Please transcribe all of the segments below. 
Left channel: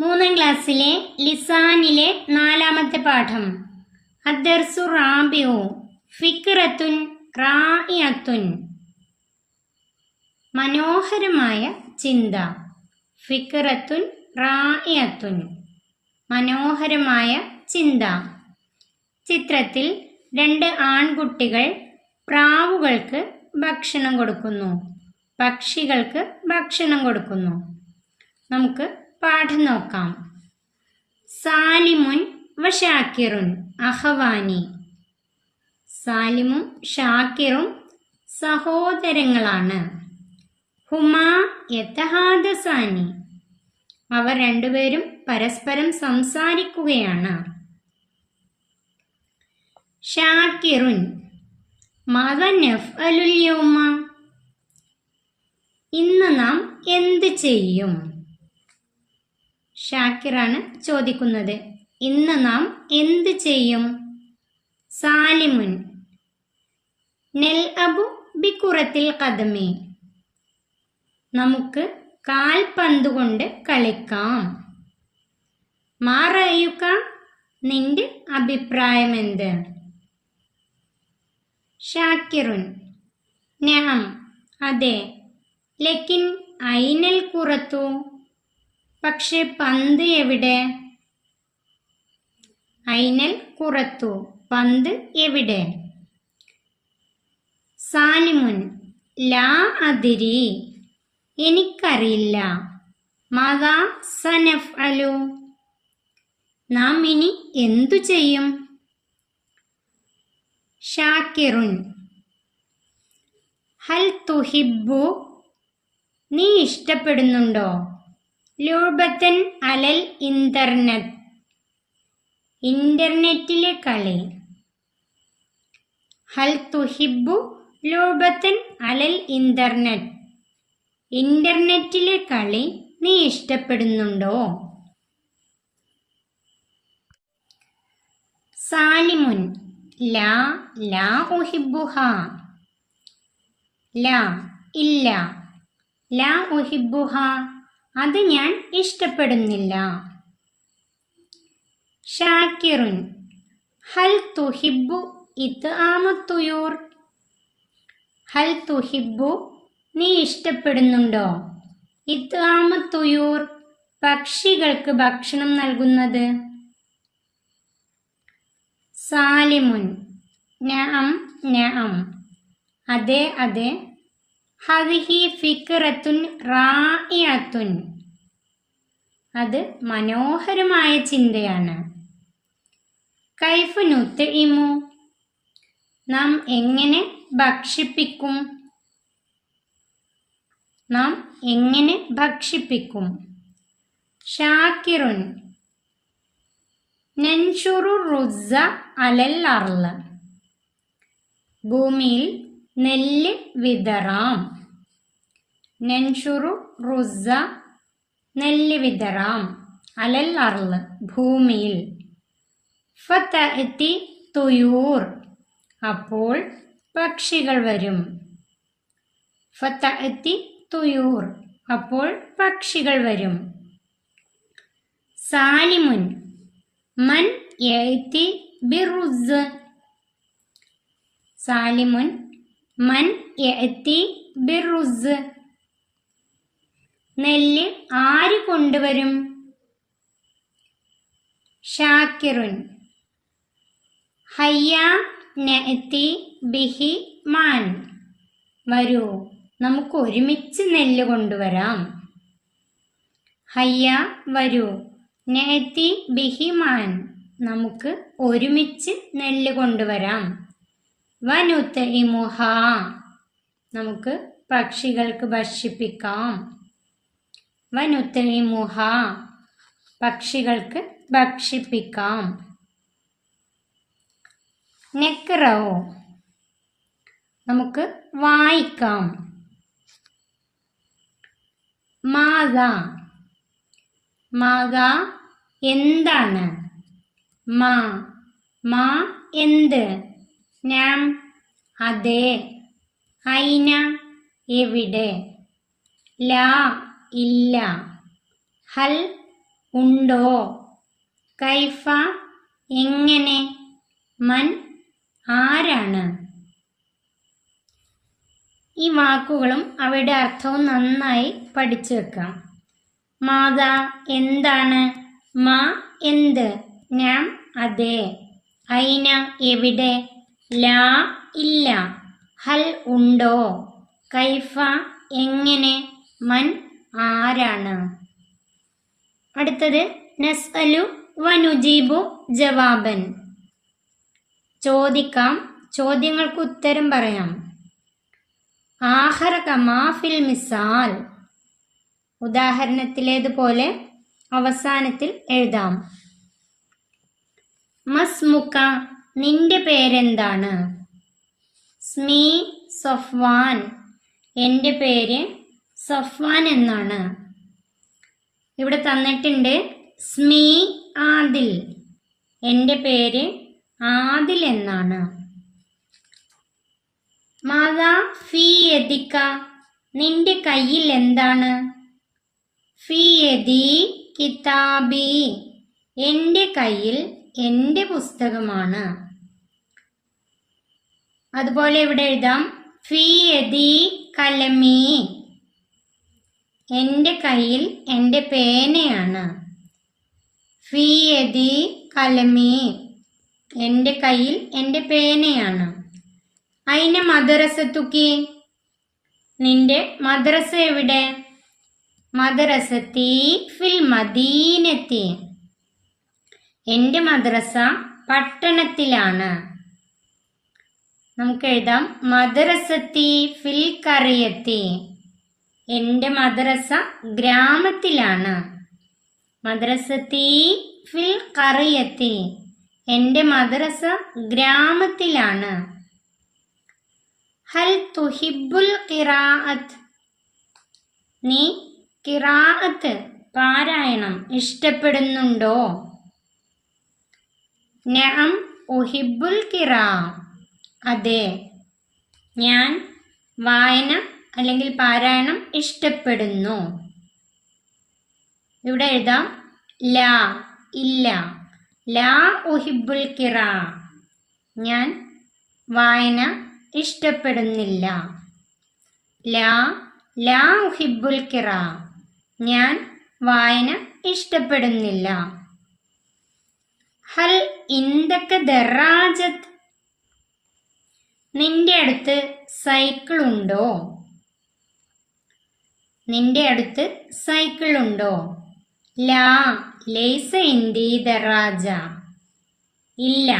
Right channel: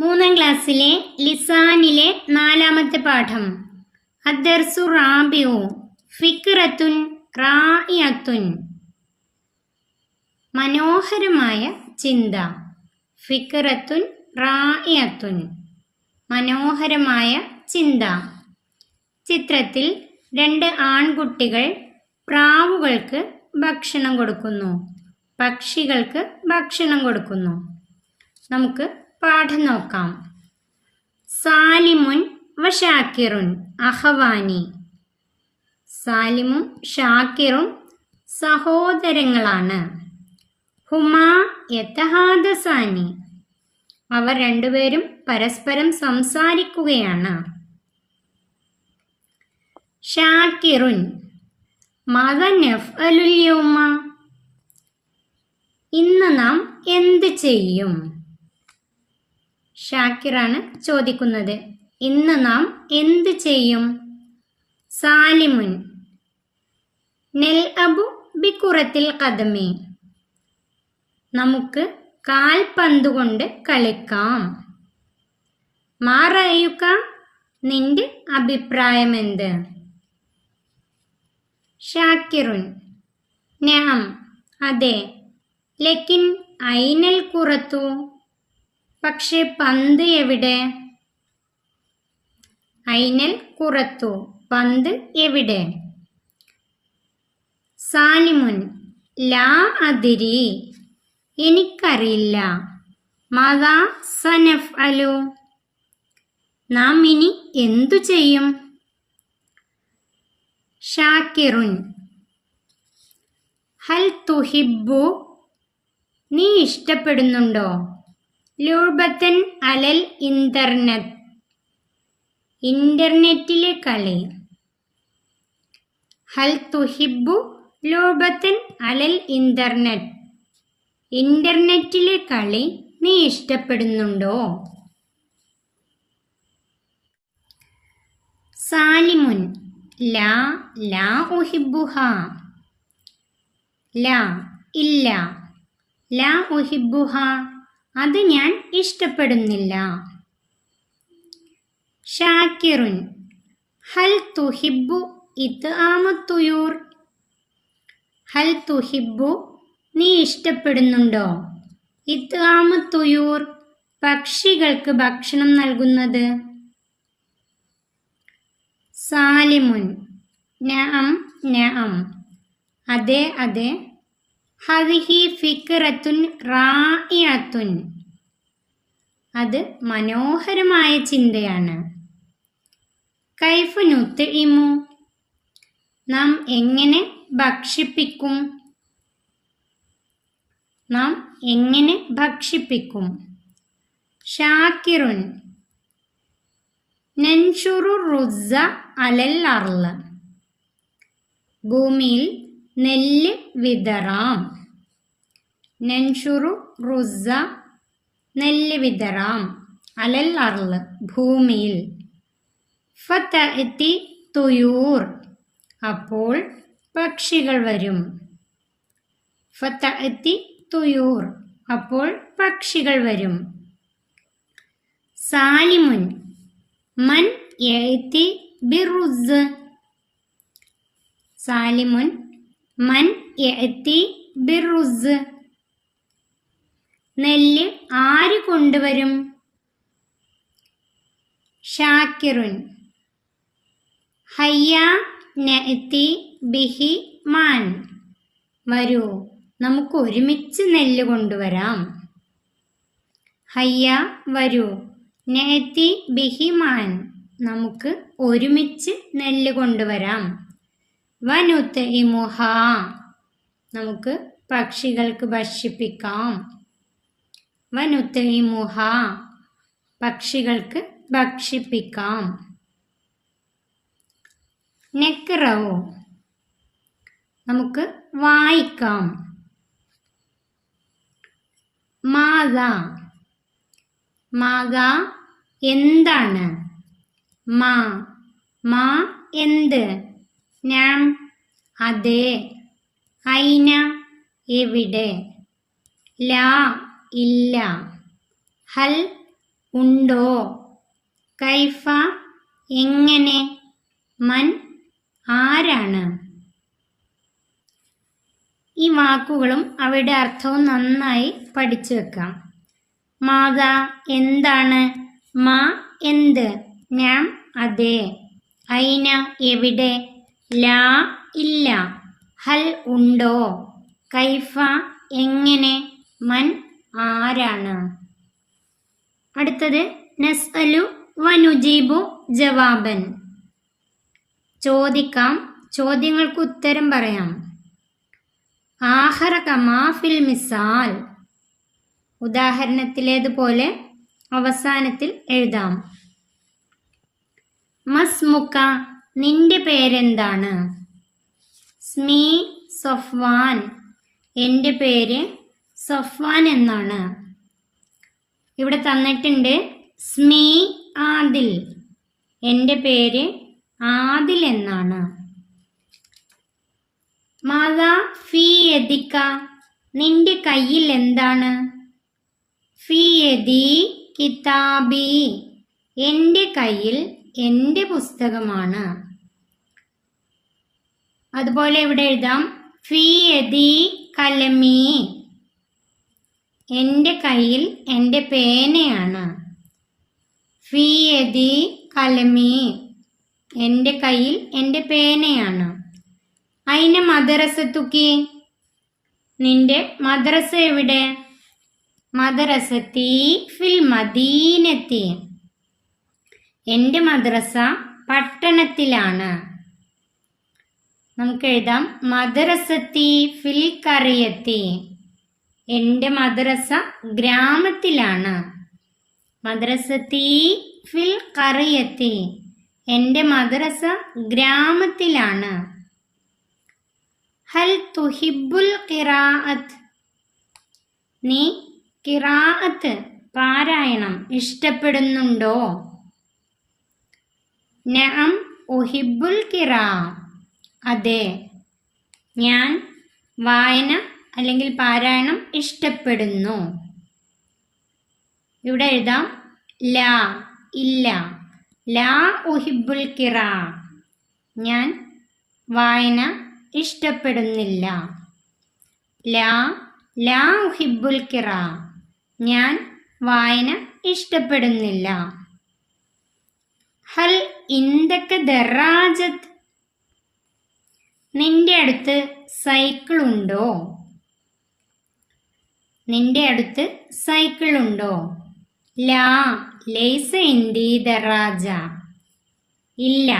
മൂന്നാം ക്ലാസ്സിലെ ലിസാനിലെ 4-ാമത്തെ പാഠം. അദ്ദർസു റാബിഉ ഫിക്റത്തുൻ റായിഅത്തുൻ. മനോഹരമായ ചിന്ത. ഫിക്റത്തുൻ റായിഅത്തുൻ, മനോഹരമായ ചിന്ത. ചിത്രത്തിൽ 2 ആൺകുട്ടികൾ പ്രാവുകൾക്ക് ഭക്ഷണം കൊടുക്കുന്നു, പക്ഷികൾക്ക് ഭക്ഷണം കൊടുക്കുന്നു. നമുക്ക് പാഠം നോക്കാം. സാലിമുൻ വ ഷാക്കിറുൻ അഹവാനി. സാലിമും ഷാക്കിറും സഹോദരങ്ങളാണ്. ഹുമാ യതഹാദസാനി. അവർ രണ്ടുപേരും പരസ്പരം സംസാരിക്കുകയാണ്. ഷാക്കിറുൻ മാദാ നഫ്അലുൽ യൗമ. ഇന്ന് നാം എന്ത് ചെയ്യും? ഷാക്കിറാണ് ചോദിക്കുന്നത്. ഇന്ന് നാം എന്ത് ചെയ്യും? സാലിമുൻ നൽഅബു ബികുറത്തിൽ ഖദമി. നമുക്ക് കാൽപന്ത് കൊണ്ട് കളിക്കാം. മാ റഅയുക, നിന്റെ അഭിപ്രായം എന്ത്? ഷാക്കിറുൻ നഅം, അതെ. ലക്കിൻ ഐനൽ കുറത്തു, പക്ഷെ പന്ത് എവിടെ? ഐനൽ കുറത്തു, പന്ത് എവിടെ? സാലിമുൻ ലാ അദ്രി, എനിക്കറിയില്ല. മാദാ സനഫ്അലു, നാം ഇനി എന്തു ചെയ്യും? ഷാക്കിറുൻ ഹൽ തുഹിബ്ബു, നീ ഇഷ്ടപ്പെടുന്നുണ്ടോ? ലൂബത്തൻ അലൽ ഇന്റർനെറ്റ്, ഇന്റർനെറ്റിലെ കളി. ഹൽ തുഹിബ്ബു ലൂബത്തൻ അലൽ ഇന്റർനെറ്റ്, ഇന്റർനെറ്റിലെ കളി നീ ഇഷ്ടപ്പെടുന്നുണ്ടോ? സാലിമുൻ ലാ ലാ ഉഹിബ്ബുഹ. ലാ ഇല്ല. ലാ ഉഹിബ്ബുഹ, അത് ഞാൻ ഇഷ്ടപ്പെടുന്നില്ല. ഷാക്കിറുൻ ഹൽ തുഹിബ്ബു ഇത്ആമത് തുയൂർ. ഹൽ തുഹിബ്ബു, നീ ഇഷ്ടപ്പെടുന്നുണ്ടോ? ഇത്ആമത് തുയൂർ, പക്ഷികൾക്ക് ഭക്ഷണം നൽകുന്നത്. സാലിമുൻ നഅം നഅം, അതെ അതെ. ഹദിഹി ഫിക്റത്തുൻ റായിഅത്തുൻ, അത് മനോഹരമായ ചിന്തയാണ്. കൈഫ നുത്ഇമു, നാം എങ്ങനെ ഭക്ഷിപ്പിക്കും? നാം എങ്ങനെ ഭക്ഷിപ്പിക്കും? ഷാക്കിറുൻ നൻഷുറു റുസ്സ അലൽ അർള്. ഭൂമിയിൽ നെല്ല് വിതറാം. നൻഷുറു റുസ്സ, നെല്ല് വിതറാം. അലൽ അർള്, ഭൂമിയിൽ. ഫതഅതി തുയൂർ, അപ്പോൾ പക്ഷികൾ വരും. ഫതഅതി തുയൂർ, അപ്പോൾ പക്ഷികൾ വരും. സാലിമുൻ മൻ യഅതി ബിറുസ്സ്. സാലിമുൻ മൻ യഅതി ബിറുസ്സ്, നെല്ല് ആര് കൊണ്ടുവരും? ഷാക്കിറുൻ ഹയ്യാ നഅതി ബിഹി മാൻ. വരൂ, നമുക്ക് ഒരുമിച്ച് നെല്ല് കൊണ്ടുവരാം. ഹയ്യ, വരൂ. നഅതി ബിഹി മാൻ, നമുക്ക് ഒരുമിച്ച് നെല്ല് കൊണ്ടുവരാം. വനുത്ഇമുഹ, നമുക്ക് പക്ഷികൾക്ക് ഭക്ഷിപ്പിക്കാം. വനുത്ഇമുഹ, പക്ഷികൾക്ക് ഭക്ഷിപ്പിക്കാം. നഖ്റഉ, നമുക്ക് വായിക്കാം. മാദാ, മാദാ എന്താണ്? മാ മാ എന്ത്? നാം അതെ. ഐന എവിടെ? ലാ ഇല്ല. ഹൽ ഉണ്ടോ, കൈഫ എങ്ങനെ, മൻ ആരാണ്. ഈ വാക്കുകളും അവയുടെ അർത്ഥവും നന്നായി പഠിച്ചു വെക്കാം. മാതാ എന്താണ്, മാ എന്ത്, നാം അതെ, ഐന എവിടെ, ലാ ഇല്ല, ഹൽ ഉണ്ടോ, കൈഫ എങ്ങനെ, മൻ ആരാണ്. അടുത്തത് നസ്അലു വനുജീബു ജവാബൻ. ചോദിക്കാം, ചോദ്യങ്ങൾക്ക് ഉത്തരം പറയാം. ആഖറ കമാ ഫിൽ മിസാൽ, ഉദാഹരണത്തിലേതുപോലെ അവസാനത്തിൽ എഴുതാം. മസ്മുക നിന്റെ പേരെന്താണ്, സ്മീ സഫ്വാൻ എൻ്റെ പേര് സഫ്വാൻ എന്നാണ്. ഇവിടെ തന്നിട്ടുണ്ട് സ്മീ ആദിൽ, എൻ്റെ പേര് ആദിൽ എന്നാണ്. മാതാ ഫീ യദിക നിന്റെ കയ്യിൽ എന്താണ്, ഫീ യദി കിതാബി എൻ്റെ കയ്യിൽ എൻ്റെ പുസ്തകമാണ്. അതുപോലെ ഇവിടെ എഴുതാം ഫീ യദി കലമി എൻ്റെ കയ്യിൽ എൻ്റെ പേനയാണ്. ഫീ യദി കലമി എൻ്റെ കയ്യിൽ എൻ്റെ പേനയാണ്. ഐന മദ്രസത്തുക്കി നിന്റെ മദ്രസ എവിടെ, മദ്രസത്തി ഫിൽ മദീനത്തി എൻ്റെ മദ്രസ പട്ടണത്തിലാണ്. നമുക്ക് എഴുതാം മദ്രസത്തി ഫിൽ ഖറിയത്തി എൻ്റെ മദ്രസ ഗ്രാമത്തിലാണ്. മദ്രസത്തി ഫിൽ ഖറിയത്തി എൻ്റെ മദ്രസ ഗ്രാമത്തിലാണ്. ഹൽ തുഹിബുൽ ഖിറാഅത്ത് നീ ഖിറാഅത്ത് പാരായണം ഇഷ്ടപ്പെടുന്നുണ്ടോ, നഅം ഉഹിബുൽ ഖിറാ അതെ ഞാൻ വായന അല്ലെങ്കിൽ പാരായണം ഇഷ്ടപ്പെടുന്നു. ഇവിടെ എഴുതാം ലാ ഇല്ല, ലാ ഉഹിബുൽ ഖിറാ ഞാൻ വായന ഇഷ്ടപ്പെടുന്നില്ല. ലാ ഉഹിബുൽ ഖിറാ ഞാൻ വായന ഇഷ്ടപ്പെടുന്നില്ല. ഹൽ ഇന്ദക ദറാജത്ത് നിന്റെ അടുത്ത് സൈക്കിൾ ഉണ്ടോ, നിന്റെ അടുത്ത് സൈക്കിൾ ഉണ്ടോ. ലാ ലൈസ ഇന്ദി ദറാജ ഇല്ല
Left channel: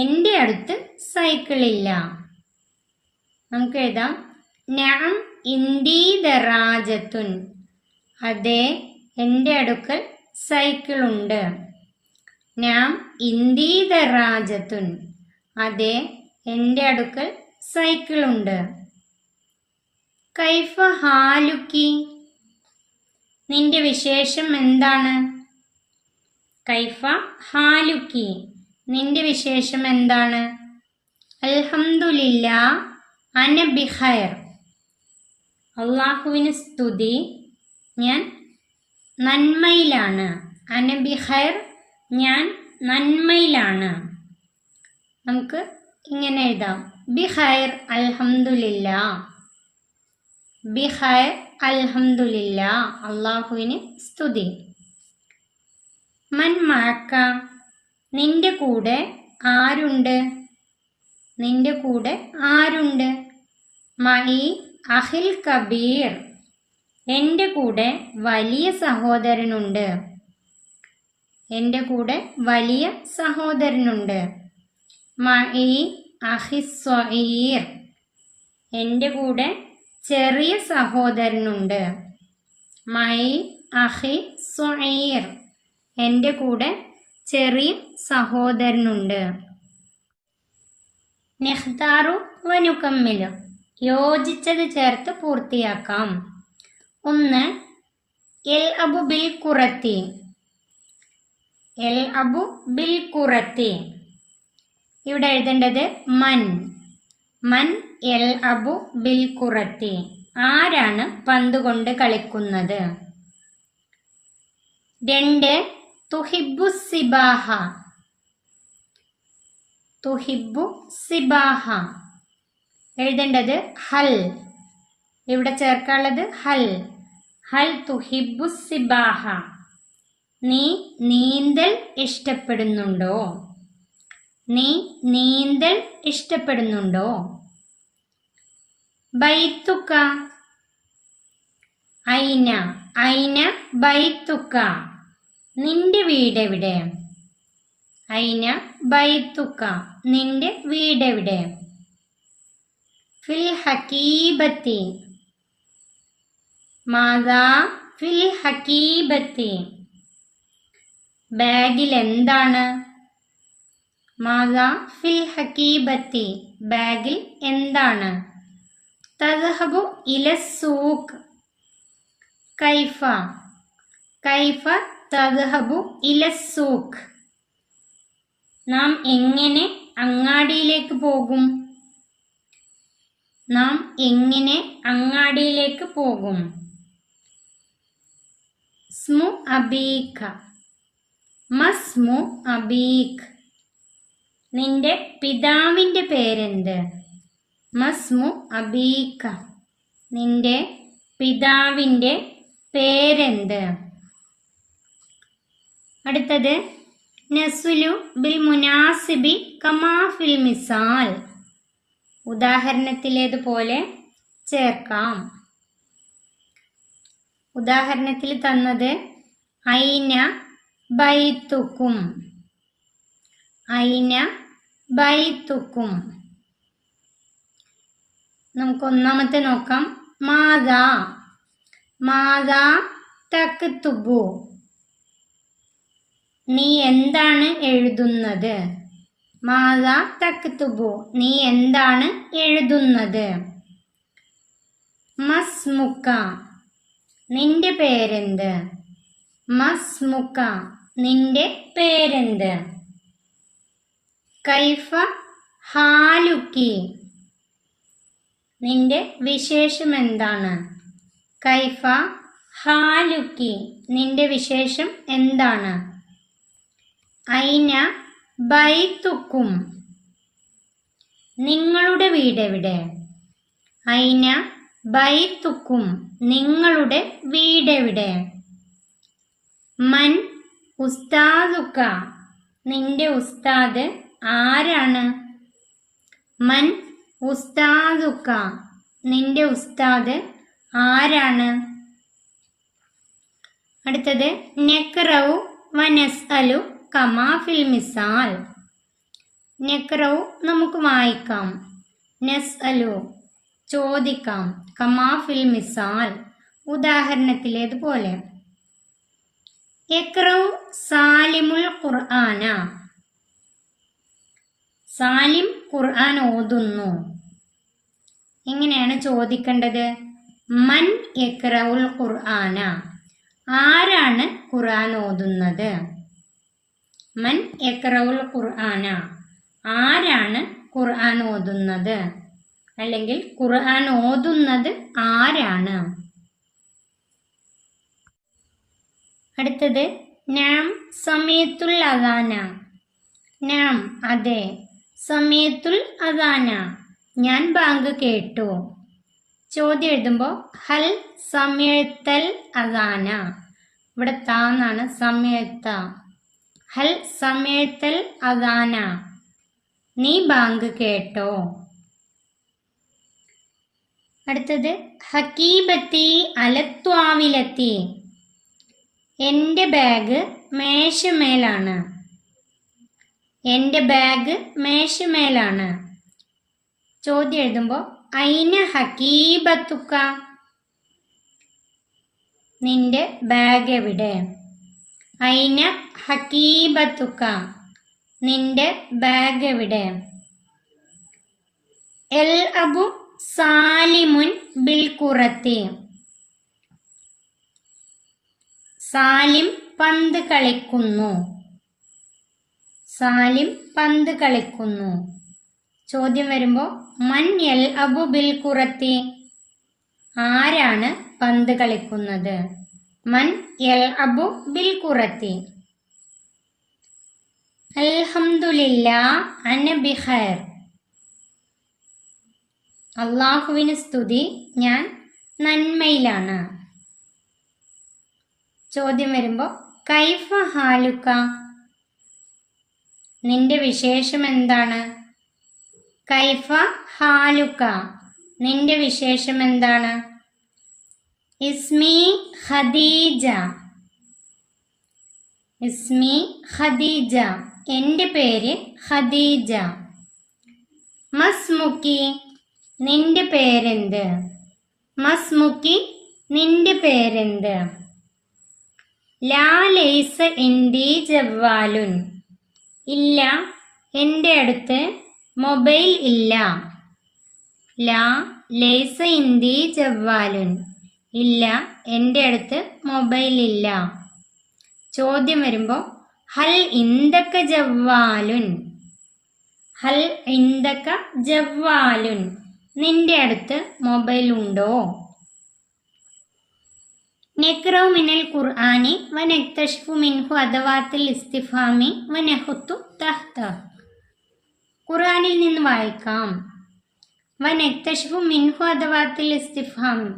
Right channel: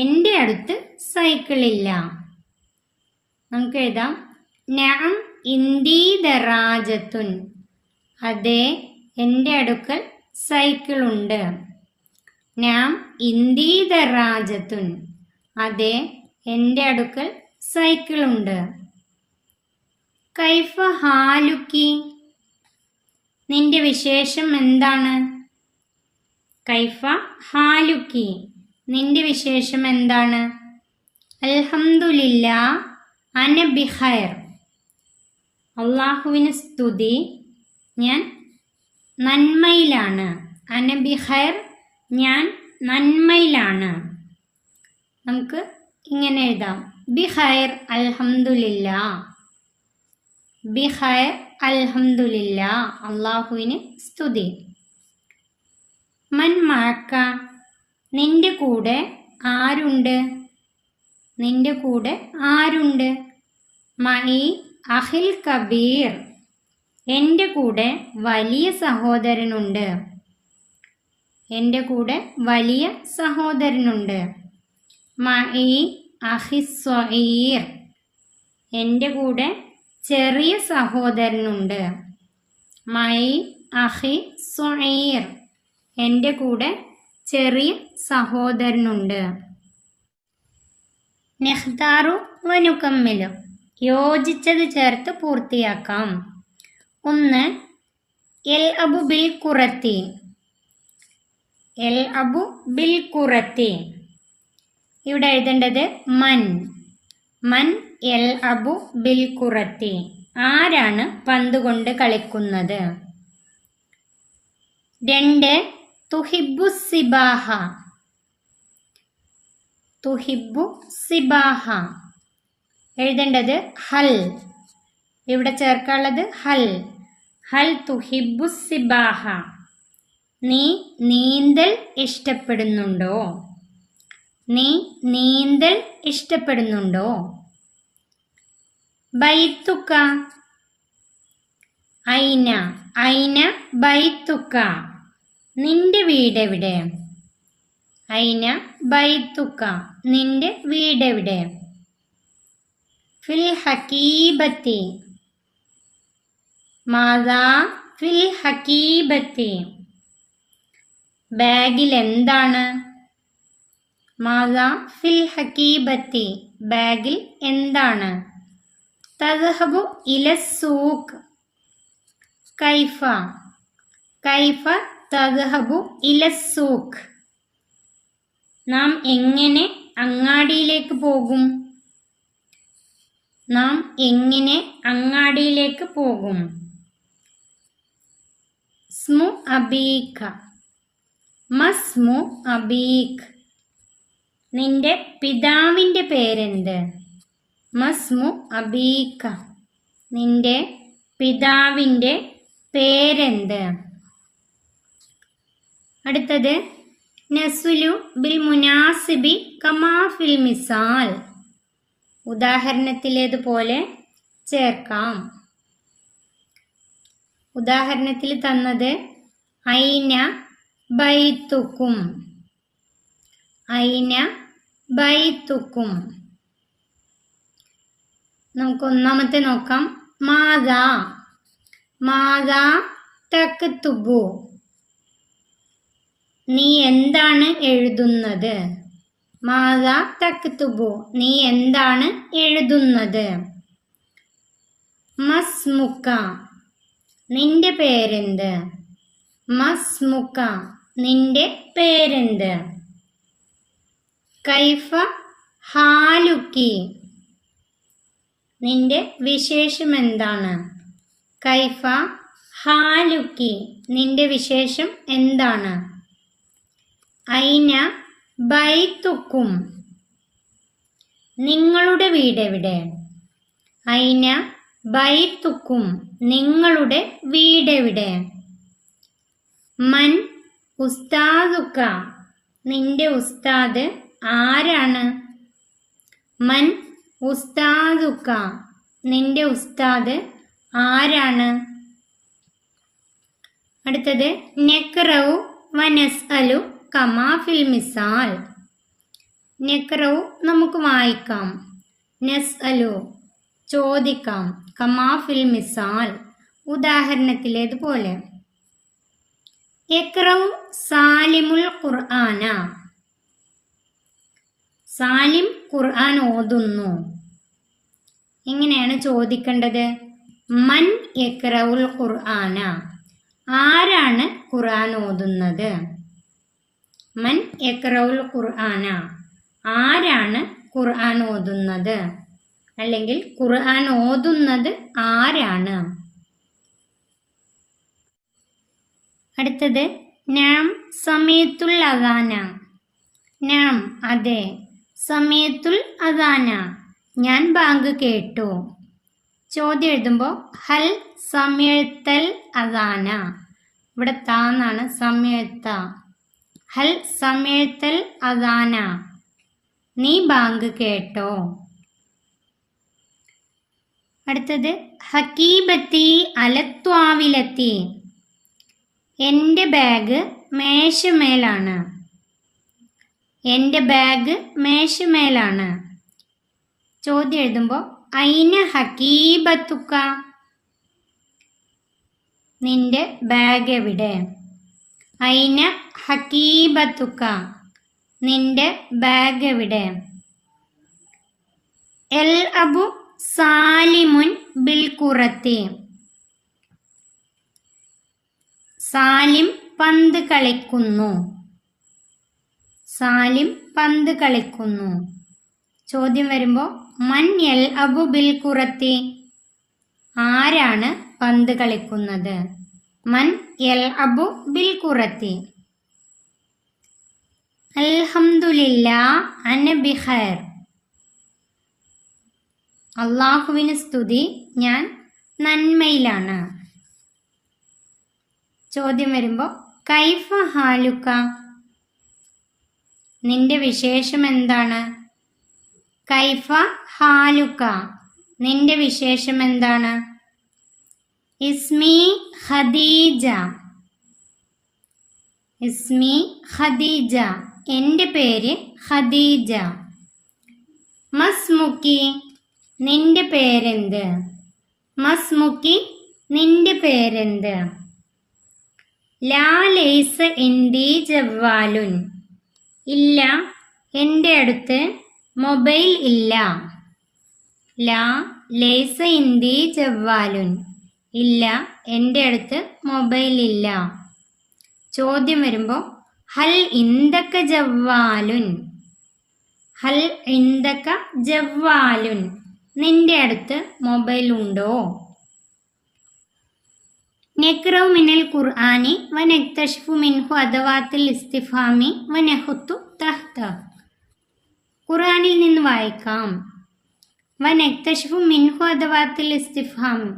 എൻ്റെ അടുത്ത് സൈക്കിൾ ഇല്ല. നമുക്ക് എഴുതാം നഅം ഇന്ദി ദറാജത്തുൻ അതെ എൻ്റെ അടുക്കൽ സൈക്കിൾ ഉണ്ട്. നാം ഇന്ദി ദറാജത്തുൻ അതെ എൻ്റെ അടുക്കൽ സൈക്കിൾ ഉണ്ട്. കൈഫ ഹാലുക്കി നിന്റെ വിശേഷം എന്താണ്, കൈഫ ഹാലുക്കി നിന്റെ വിശേഷം എന്താണ്. അൽഹംദുലില്ലാ അന ബിഖൈർ അള്ളാഹുവിന് സ്തുതി ഞാൻ നന്മയിലാണ്. അന ബിഖൈർ ഞാൻ നന്മയിലാണ്. നമുക്ക് ഇങ്ങനെ എഴുതാം ബിഖൈർ അൽഹംദുലില്ലാ, ബിഖൈർ അൽഹംദുലില്ലാ അള്ളാഹുവിന് സ്തുതി. മൻ മഅക നിന്റെ കൂടെ ആരുണ്ട്, നിന്റെ കൂടെ ആരുണ്ട്. മഈ അഖിൽ കബീർ എൻ്റെ കൂടെ വലിയ സഹോദരനുണ്ട്, എൻ്റെ കൂടെ വലിയ സഹോദരനുണ്ട്. മഈ അഖി സ്വഗീർ എൻ്റെ കൂടെ ചെറിയ സഹോദരനുണ്ട്. മഈ അഖി സ്വഗീർ എൻ്റെ കൂടെ ചെറിയ സഹോദരനുണ്ട്. നെഖ്താറു വനുക്കമ്മിലു യോജിച്ചത് ചേർത്ത് പൂർത്തിയാക്കാം. 1 എൽ അബു ബിൽ കുറത്തി, എൽ അബു ബിൽ കുറത്തി ഇവിടെ എഴുതേണ്ടത് മൻ, മൻ എൽ അബു ബിൽ കുറത്തി ആരാണ് പന്ത് കൊണ്ട് കളിക്കുന്നത്. 2 തുഹിബ്ബു സിബാഹ. തുഹിബ്ബു സിബാഹ എഴുതേണ്ടത് ഹൽ. ഇവിടെ ചേർക്കാനുള്ളത് ഹൽ. ഹൽ തുഹിബ്ബു സിബാഹ. നീ നീന്തൽ ഇഷ്ടപ്പെടുന്നുണ്ടോ? നീ നീന്തൽ ഇഷ്ടപ്പെടുന്നുണ്ടോ? ബൈത്തുക. ഐന. ഐന ബൈത്തുക. നിന്റെ വീടെവിടെ? ഐന ബൈത്തുക. നിന്റെ വീടെവിടെ? ഫിൽ ഹക്കീബത്തി. മാതാ ഫിൽ ഹക്കീബത്തി. ബാഗിൽ എന്താണ്? മാതാ ഫിൽ ഹക്കീബത്തി. ബാഗിൽ എന്താണ്? തദ്ഹബു ഇല സൂഖ്. കൈഫ. കൈഫ തദ്ഹബു ഇല സൂഖ്. നാം എങ്ങനെ അങ്ങാടിയിലേക്ക് പോകും? നാം എങ്ങനെ അങ്ങാടിയിലേക്ക് പോകും? സ്മു അബീക. മസ്മു അബീക്. നിന്റെ പിതാവിൻ്റെ പേരെന്ത്? മസ്മു അബീക. നിന്റെ പിതാവിൻ്റെ പേരെന്ത്? അടുത്തത് നസ്ലു ബിൽ മുനാസിബി കമാ ഫിൽ മിസാൽ. ഉദാഹരണത്തിലേതുപോലെ ചേർക്കാം. ഉദാഹരണത്തിൽ തന്നത് ഐന ബൈത്തുക്കും. ഐന ബൈത്തുക്കും. നമുക്ക് ഒന്നാമത്തെ നോക്കാം. മാതാ. മാതാ തക്തുബു. നീ എന്താണ് എഴുതുന്നത്? മാതാ തക്തുബു. നീ എന്താണ് എഴുതുന്നത്? മസ്മുക്ക. നിന്റെ പേരെന്ത്? മസ്മുക്ക. നിന്റെ പേരെന്ത്? കൈഫ ഹാലുക്കി. നിന്റെ വിശേഷം എന്താണ്? കൈഫ ഹാലുക്കി. നിന്റെ വിശേഷം എന്താണ്? ഐന ബൈത്തുക്കും. നിങ്ങളുടെ വീടെവിടെ? ഐന ബൈത്തുക്കും. നിങ്ങളുടെ വീടെവിടെ? മൻ ഉസ്താദുക്ക. നിന്റെ ഉസ്താദ് ആരാണ്? മൻ ഉസ്താദുക്ക. നിന്റെ ഉസ്താദ് ആരാണ്? അടുത്തത് നഖ്റഉ വനസ്അലു കമാ ഫിൽ മിസാൽ. നഖ്റഉ നമുക്ക് വായിക്കാം. നസ്അലു ചോദിക്കാം. കമാ ഫിൽ മിസാൽ ഉദാഹരണത്തിലേതുപോലെ. ഇഖ്റഉ സാലിമുൽ ഖുർആന. സാലിം ഖുർആൻ ഓതുന്നു. എങ്ങനെയാണ് ചോദിക്കേണ്ടത്? മൻ യഖ്റഉൽ ഖുർആന. ആരാണ് ഖുർആൻ ഓതുന്നത്? മൻ യഖ്റഉൽ ഖുർആന. ആരാണ് ഖുർആൻ ഓതുന്നത്? അല്ലെങ്കിൽ ഖുർആൻ ഓതുന്നത് ആരാണ്? അടുത്തത് നാം സമയത്തുൽ അദാന. നാം അതെ. സമയത്തുൽ അദാന ഞാൻ ബാങ്ക് കേട്ടു. ചോദ്യം എഴുതുമ്പോൾ ഹൽ സമയത്തൽ അദാന. ഇവിടെ താന്നാണ് സമയത്ത. ഹൽ സമയത്തൽ അദാന. നീ ബാങ്ക് കേട്ടോ? അടുത്തത് ഹക്കീബത്തി അലത്വാവിലെത്തി. എൻ്റെ ബാഗ് മേശമേലാണ്. എൻ്റെ ബാഗ് മേശമേലാണ്. ചോദ്യം എഴുതുമ്പോൾ ഐന ഹക്കീബത്തുക്ക. നിന്റെ ബാഗ് എവിടെ? ഐന ഹക്കീബത്തുക്ക. നിന്റെ ബാഗ് എവിടെ? എൽ അബു സാലിമുൻ ബിൽ കുറത്തി. സാലിം പന്ത് കളിക്കുന്നു. സാലിം പന്ത് കളിക്കുന്നു. ചോദ്യം വരുമ്പോൾ മൻ യൽ അബു ബിൽ കുറത്തി. ആരാണ് പന്ത് കളിക്കുന്നത്? മൻ യൽഅബു ബിൽ ഖുറത്തി. അൽഹംദുലില്ലാ അന ബിഖൈർ. അള്ളാഹുവിന് സ്തുതി, ഞാൻ നന്മയിലാണ്. ചോദ്യം വരുമ്പോൾ കൈഫ ഹാലുക, നിന്റെ വിശേഷം എന്താണ്? കൈഫ ഹാലുക, നിന്റെ വിശേഷം എന്താണ്? ഇസ്മി ഖദീജ. ഇസ്മി ഖദീജ, എൻ്റെ പേര് ഖദീജ. മസ്മുക്കി, നിന്റെ പേരെന്ത്? മസ്മുക്കി, നിന്റെ പേരെന്ത്? ലാ ലൈസ ഇന്ദി ജവ്വാലുൻ. ഇല്ല, എൻ്റെ അടുത്ത് മൊബൈൽ ഇല്ല. ലാ ലൈസ ഇന്ദി ജവ്വാലുൻ. ഇല്ല, എൻ്റെ അടുത്ത് മൊബൈൽ ഇല്ല. ചോദ്യം വരുമ്പോൾ ഹൽ ഇന്ദക ജവ്വാലുൻ. ഹൽ ഇന്ദക ജവ്വാലുൻ, നിന്റെ അടുത്ത് മൊബൈൽ ഉണ്ടോ? നഖ്റഉ മിനൽ ഖുർആനി വനക്തശിഫു മിൻഹു അദവാത്തിൽ ഇസ്തിഫാമി വനഹുത്തു തഹ്ത. ഖുർആനിൽ നിന്ന് വായിക്കാം. വനക്തശിഫു മിൻഹു അദവാത്തിൽ ഇസ്തിഫാമി,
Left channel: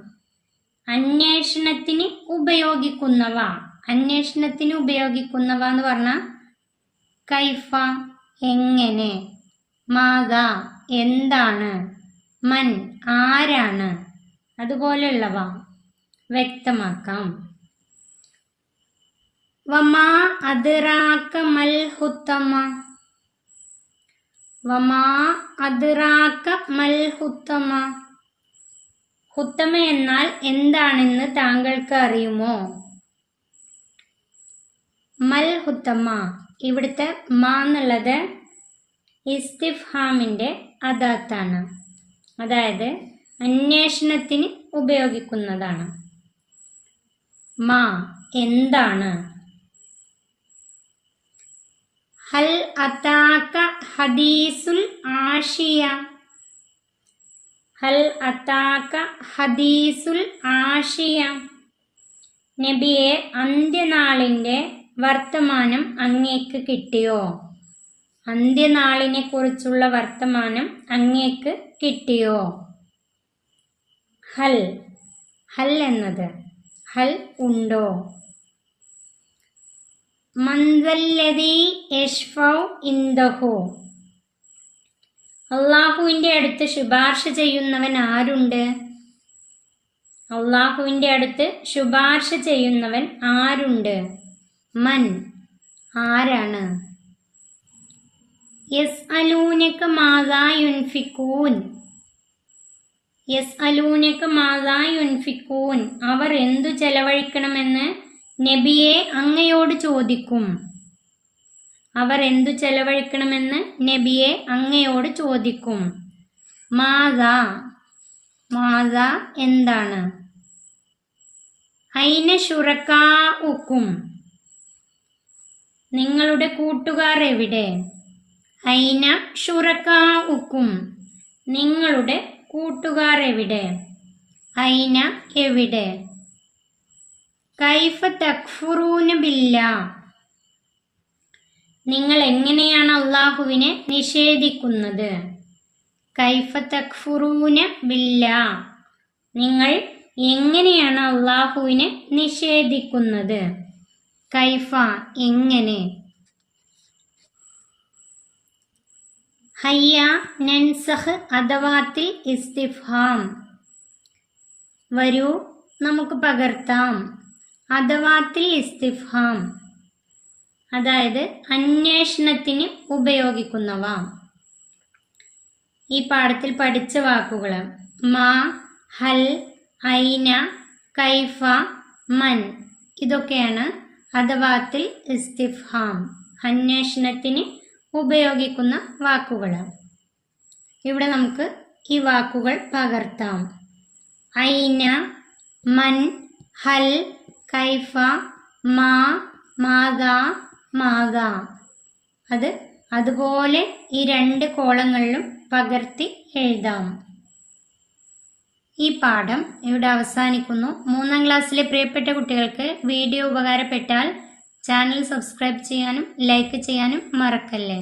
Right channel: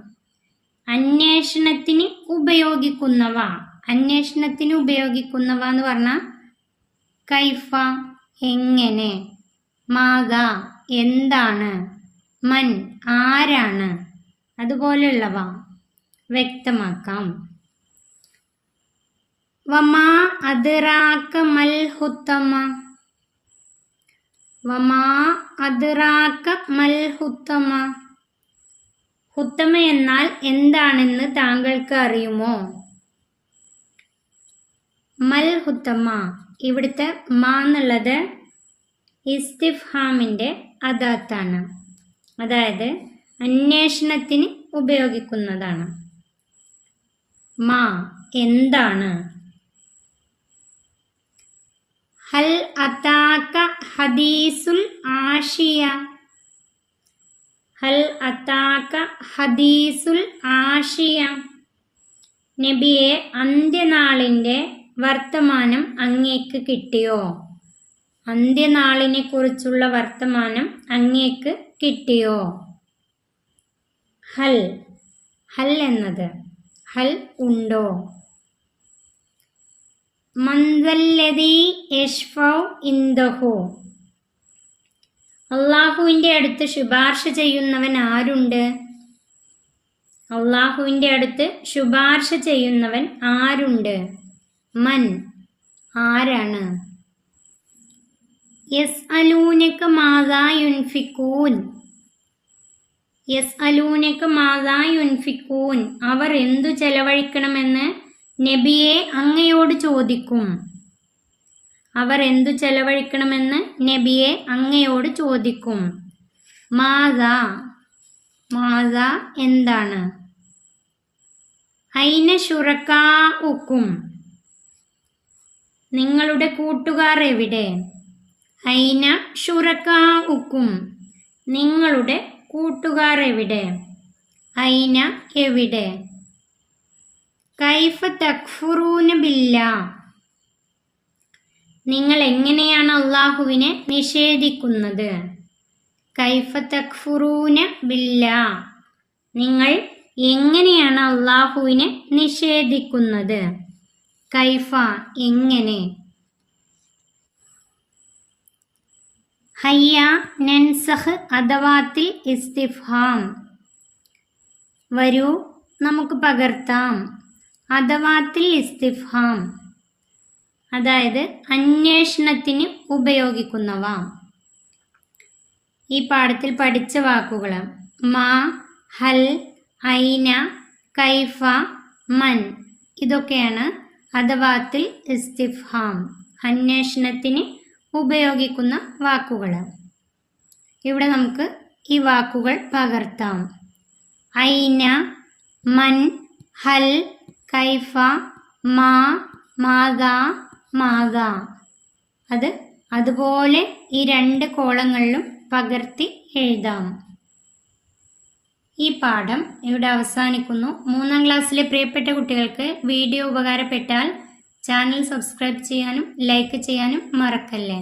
അന്വേഷണത്തിന് ഉപയോഗിക്കുന്നവ. അന്വേഷണത്തിന് ഉപയോഗിക്കുന്നവ എന്ന് പറഞ്ഞാൽ കൈഫ, എങ്ങനെ, മാഗ, എന്താണ്, മൻ, ആരാണ്, അതുപോലെയുള്ളവ വ്യക്തമാക്കാം. വമാ അദ്റാക മൽ ഹുത്തമ. വമാ അദ്റാക മൽ ഹുത്തമ. ഹുത്തമ എന്നാൽ എന്താണെന്ന് താങ്കൾക്ക് അറിയുമോ? മൽ ഹുത്തമ, ഇവിടുത്തെ മാ എന്നുള്ളത് ഇസ്തിഫ്ഹാമിൻ്റെ അദാത്താണ്, അതായത് അന്വേഷണത്തിന് ഉപയോഗിക്കുന്നതാണ്. മാ, എന്താണ്? ഹൽ അതാക ഹദീസുൽ ആഷിയ. ഹൽ അതാക ഹദീസുൽ ആഷിയ. നബിയെ, അന്ത്യനാളിൻ്റെ വർത്തമാനം അങ്ങേക്ക് കിട്ടിയോ? അന്ത്യനാളിനെ കുറിച്ചുള്ള വർത്തമാനം അങ്ങേക്ക് കിട്ടിയോ? ഹൽ, ഹൽ എന്നത് ഹൽ ഉണ്ടോ? മൻവല്ലദീ യശ്ഫഉ ഇൻദഹു. അള്ളാഹുവിൻ്റെ അടുത്ത് ശുപാർശ ചെയ്യുന്നവൻ ആരുണ്ട്? അള്ളാഹുവിൻ്റെ അടുത്ത് ശുപാർശ ചെയ്യുന്നവൻ ആരുണ്ട്? മൻ, ആരാണ്? യസ്അലൂനക മാദാ യുൻഫിഖൂൻ. യസ്അലൂനക മാദാ യുൻഫിഖൂൻ, അവർ എന്തു ചെലവഴിക്കണമെന്ന് നബിയെ അങ്ങയോട് ചോദിക്കും. അവർ എന്തു ചെലവഴിക്കണമെന്ന് നബിയെ അങ്ങയോട് ചോദിക്കും. മാദാ, മാദാ എന്താണ്? ഐന ശുറകാഉക്കും, നിങ്ങളുടെ കൂട്ടുകാർ എവിടെ? ഐന ശുറകാഉക്കും, നിങ്ങളുടെ കൂട്ടുകാർ എവിടെ? ഐന, എവിടെ? കൈഫ തക്ഫുറൂന ബില്ലാ, നിങ്ങൾ എങ്ങനെയാണ് അള്ളാഹുവിനെ നിഷേധിക്കുന്നത്? കൈഫ തക്ഫുറൂന ബില്ലാ, നിങ്ങൾ എങ്ങനെയാണ് അള്ളാഹുവിനെ നിഷേധിക്കുന്നത്? കൈഫ, എങ്ങനെ? ഹയ്യ നൻസഖ് അദവാത്തിൽ ഇസ്തിഫ്ഹാം. വരൂ, നമുക്ക് പകർത്താം. അദവാത്തിൽ ഇസ്തിഫ്ഹാം, അതായത് അന്വേഷണത്തിന് ഉപയോഗിക്കുന്നവ. ഈ പാഠത്തിൽ പഠിച്ച വാക്കുകൾ മാ, ഹൽ, ഐന, കൈഫ, മൻ, ഇതൊക്കെയാണ് അദവാത്തിൽ ഇസ്തിഫ്ഹാം, അന്വേഷണത്തിന് ഉപയോഗിക്കുന്ന വാക്കുകൾ. ഇവിടെ നമുക്ക് ഈ വാക്കുകൾ പകർത്താം. ഐന, മൻ, ഹൽ, കൈഫ, മാ, മാദാ, മാഗ. അത് അതുപോലെ ഈ രണ്ട് കോളങ്ങളിലും പകർത്തി എഴുതാം. ഈ പാഠം ഇവിടെ അവസാനിക്കുന്നു. 3ാം ക്ലാസ്സിലെ പ്രിയപ്പെട്ട കുട്ടികൾക്ക് വീഡിയോ ഉപകാരപ്പെട്ടാൽ ചാനൽ സബ്സ്ക്രൈബ് ചെയ്യാനും ലൈക്ക് ചെയ്യാനും മറക്കല്ലേ.